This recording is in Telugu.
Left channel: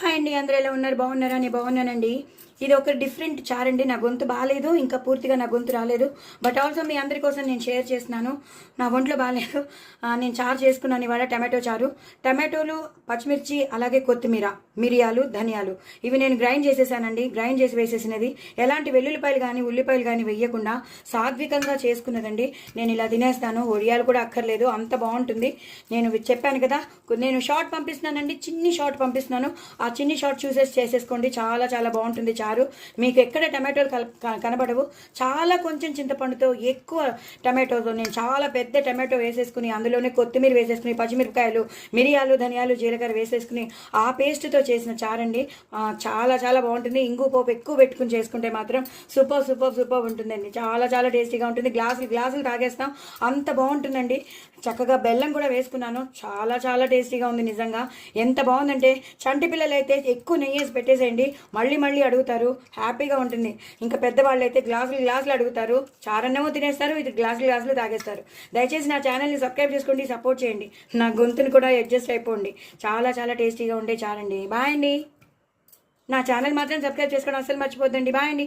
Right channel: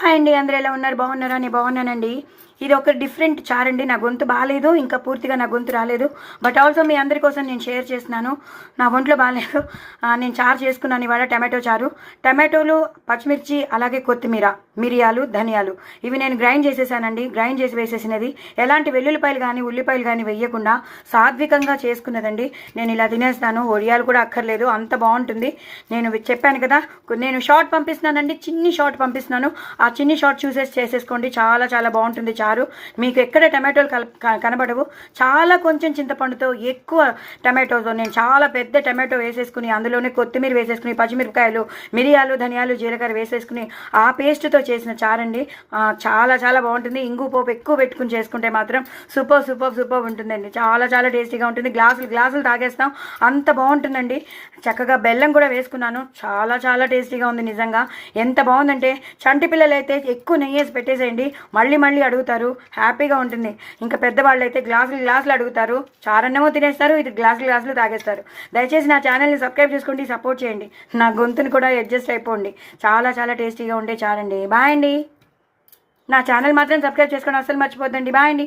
హాయ్ అండి, అందరూ ఎలా ఉన్నారు? బాగున్నారా? నేను బాగున్నానండి. ఇది ఒక డిఫరెంట్ చార్ అండి. నా గొంతు బాగాలేదు, ఇంకా పూర్తిగా నా గొంతు రాలేదు. బట్ ఆల్సో మీ అందరి కోసం నేను షేర్ చేస్తున్నాను. నా ఒంట్లో బాగాలేదు. నేను చారు చేసుకున్నాను ఇవాళ. టమాటో చారు, టమాటోలు, పచ్చిమిర్చి, అలాగే కొత్తిమీర, మిరియాలు, ధనియాలు ఇవి నేను గ్రైండ్ చేసేసానండి. గ్రైండ్ చేసి వేసేసినది. ఎలాంటి వెల్లుల్లిపాయలు కానీ ఉల్లిపాయలు కానీ వేయకుండా సాత్వికంగా చేసుకున్నదండి. నేను ఇలా తినేస్తాను. ఒడియాలు కూడా అక్కర్లేదు, అంత బాగుంటుంది. నేను చెప్పాను కదా, నేను షార్ట్ పంపిస్తున్నానండి, చిన్ని షార్ట్ పంపిస్తున్నాను. ఆ చిన్ని షార్ట్ చూసేసి చేసేసుకోండి. చాలా చాలా బాగుంటుంది చారు. మీకు ఎక్కడ టమాటోలు కనబడవు. చాలా కొంచెం చింతపండుతో, ఎక్కువ టమాటోతో నేను చాలా పెద్ద టమాటో వేసేసుకుని అందులోనే కొత్తిమీర వేసేసుకుని, పచ్చిమిరపకాయలు, మిరియాలు, ధనియాలు, జీలకర్ర వేసేసుకుని ఆ పేస్ట్తో చేసిన చారండి. చాలా చాలా బాగుంటుంది. ఇంగు పోపు ఎక్కువ పెట్టుకుని చేసుకుంటే మాత్రం సూపర్ సూపర్ సూపర్ ఉంటుందండి. చాలా చాలా టేస్టీగా ఉంటుంది. గ్లాసులు గ్లాసులు తాగేస్తాం, అంత బాగుంటుందండి. చక్కగా బెల్లం కూడా వేసుకున్నాను. చాలా చాలా టేస్టీగా ఉంది నిజంగా. ఎంత బాగుందంటే చంటి పిల్లలు అయితే ఎక్కువ నెయ్యి వేసి పెట్టేసేయండి, మళ్ళీ మళ్ళీ అడుగుతారు. హ్యాపీగా ఉంటుంది. ఇంకా పెద్దవాళ్ళు అయితే గ్లాసులు గ్లాసులు అడుగుతారు. చారన్నేమో తినేస్తారు, ఇది గ్లాసులు గ్లాసులు తాగేస్తారు. దయచేసి నా ఛానల్ని సబ్స్క్రైబ్ చేసుకోండి, సపోర్ట్ చేయండి. నా గొంతుని కూడా అడ్జస్ట్ అయిపోండి. చాలా చాలా టేస్టీగా ఉండే చారండి. బాయ్ అండి. నా ఛానల్ మాత్రం సబ్స్క్రైబ్ చేసుకోండి, అస్సలు మర్చిపోద్దండి. బాయ్ అండి.